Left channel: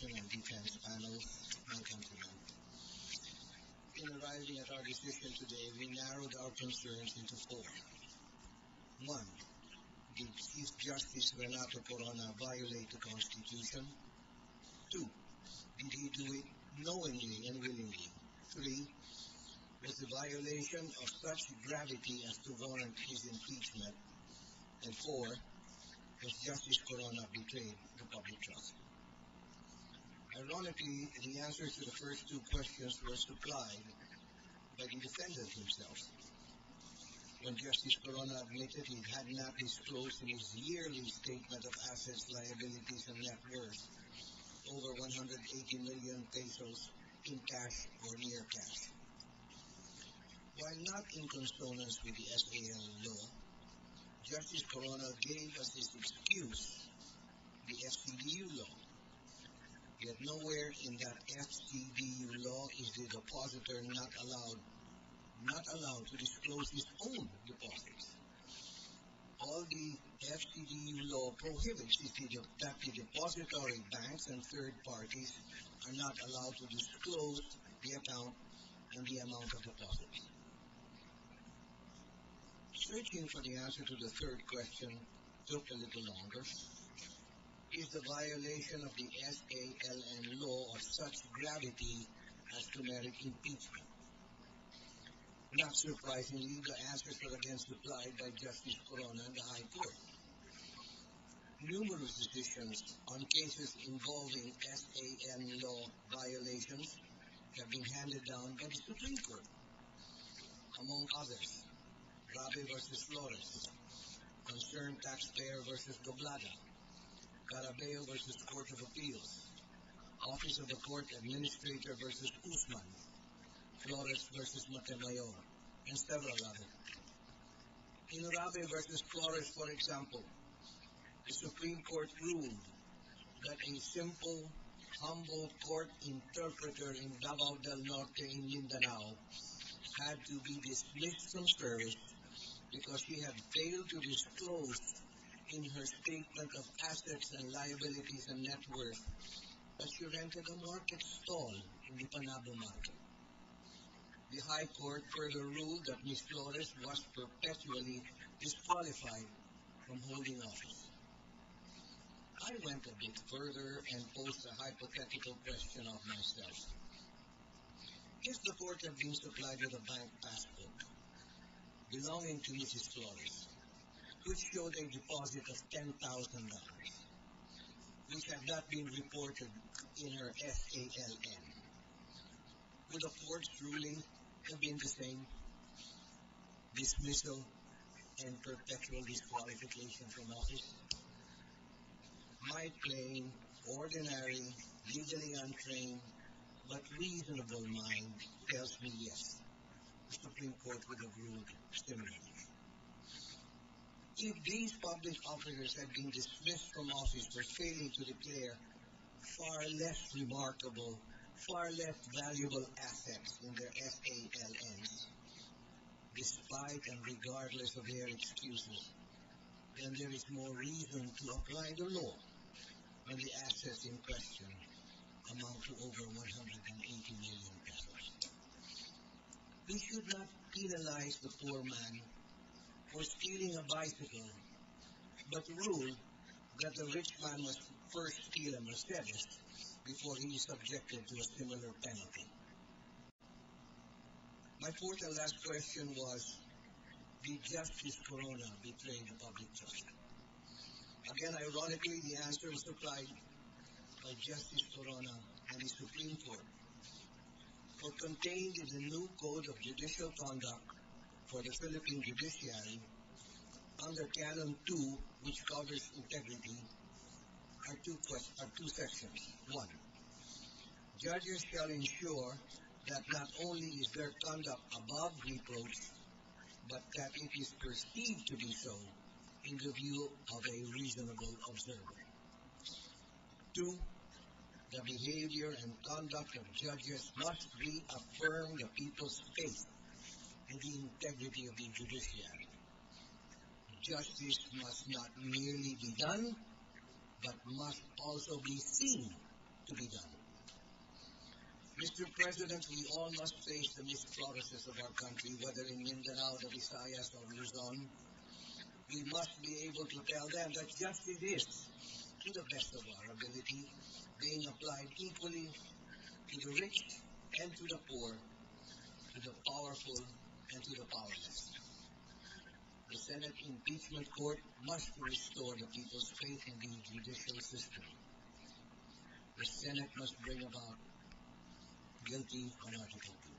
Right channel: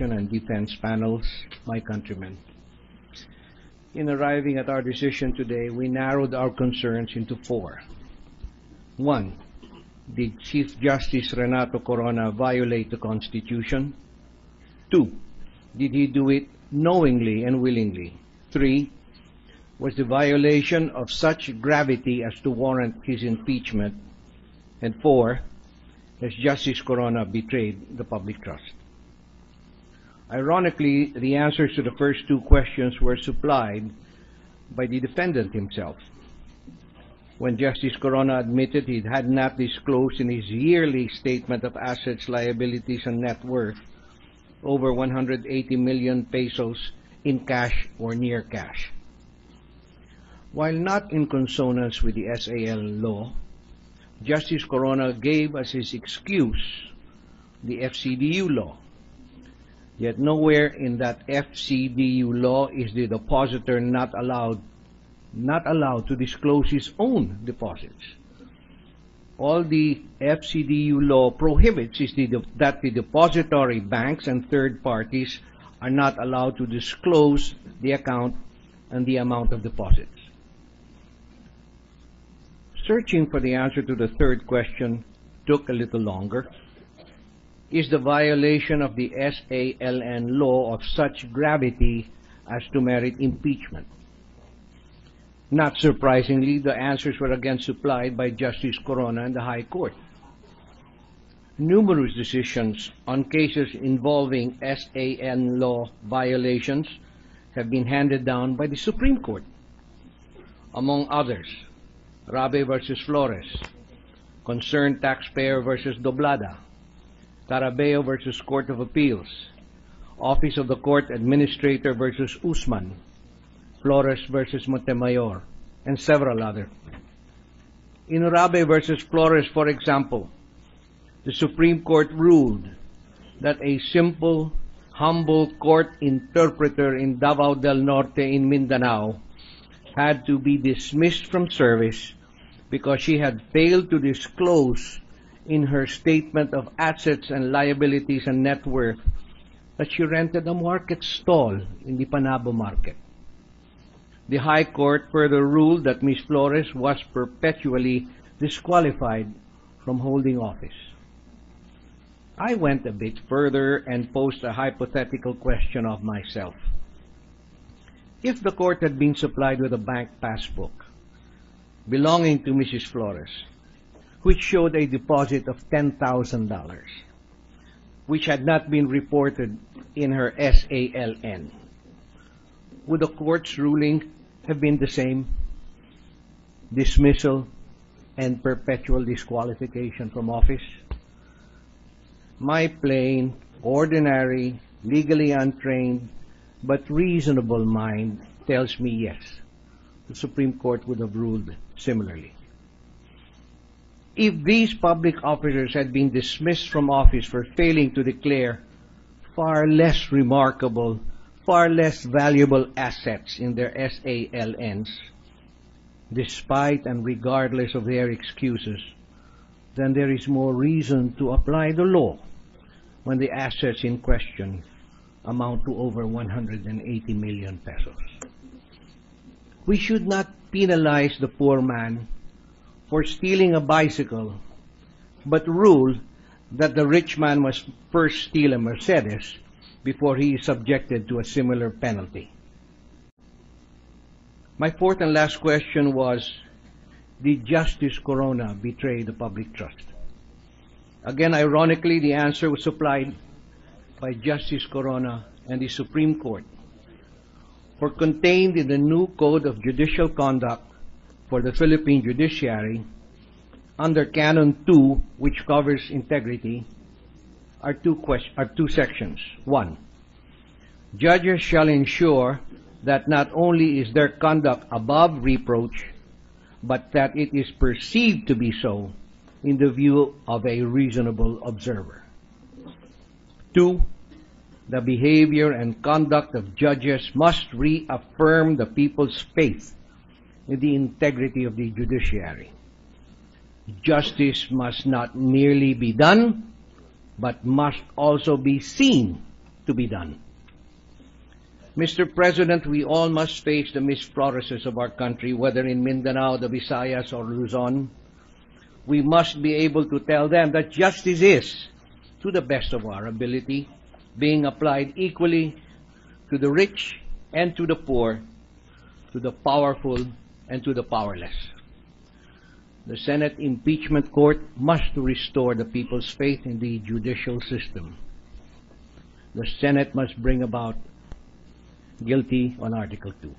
Prosecution and Defense panels, my countrymen. In arriving at our decision today, we narrowed our concerns into four. One, did Chief Justice Renato Corona violate the Constitution? Two, did he do it knowingly and willingly? Three, was the violation of such gravity as to warrant his impeachment? And four, has Justice Corona betrayed the public trust? Ironically, the answers to the first two questions were supplied by the defendant himself. When Justice Corona admitted he had not disclosed in his yearly statement of assets, liabilities, and net worth over 180 million pesos in cash or near cash. While not in consonance with the SAL law, Justice Corona gave as his excuse the FCDU law. Yet nowhere in that FCDU law is the depositor not allowed to disclose his own deposits. All the FCDU law prohibits is that the depository banks and third parties are not allowed to disclose the account and the amount of deposits. Searching for the answer to the third question took a little longer. Is the violation of the SALN law of such gravity as to merit impeachment? Not surprisingly, the answers were again supplied by Justice Corona and the High Court. Numerous decisions on cases involving SAN law violations have been handed down by the Supreme Court. Among others, Rabe versus Flores, Concerned Taxpayer versus Doblada, Carabeo versus Court of Appeals, Office of the Court Administrator versus Usman, Flores versus Montemayor, and several others. In Rabe versus Flores, for example, the Supreme Court ruled that a simple, humble court interpreter in Davao del Norte in Mindanao had to be dismissed from service because she had failed to disclose in her statement of assets and liabilities and net worth that she rented a market stall in the Panabo market. The High Court further ruled that Ms. Flores was perpetually disqualified from holding office. I went a bit further and posed a hypothetical question of myself. If the court had been supplied with a bank passbook belonging to Mrs. Flores, which showed a deposit of $10,000, which had not been reported in her SALN, would the court's ruling have been the same? Dismissal and perpetual disqualification from office? My plain, ordinary, legally untrained, but reasonable mind tells me yes, the Supreme Court would have ruled similarly. If these public officers had been dismissed from office for failing to declare far less remarkable, far less valuable assets in their SALNs, despite and regardless of their excuses, then there is more reason to apply the law when the assets in question amount to over 180 million pesos. We should not penalize the poor man for stealing a bicycle, but rule that the rich man must first steal a Mercedes before he is subjected to a similar penalty. My fourth and last question was, did Justice Corona betray the public trust? Again, ironically, the answer was supplied by Justice Corona and the Supreme Court. For contained in the new Code of Judicial Conduct for the Philippine Judiciary, under Canon 2, which covers integrity, are two sections. 1. Judges shall ensure that not only is their conduct above reproach, but that it is perceived to be so in the view of a reasonable observer. 2. The behavior and conduct of judges must reaffirm the people's faith in the integrity of the judiciary. Justice must not merely be done, but must also be seen to be done. Mr. President, we all must face the Miss Floreses of our country, whether in Mindanao, the Visayas, or Luzon. We must be able to tell them that justice is, to the best of our ability, being applied equally to the rich and to the poor, to the powerful and to the powerless. The Senate Impeachment Court must restore the people's faith in the judicial system. The Senate must bring about guilty on Article 2.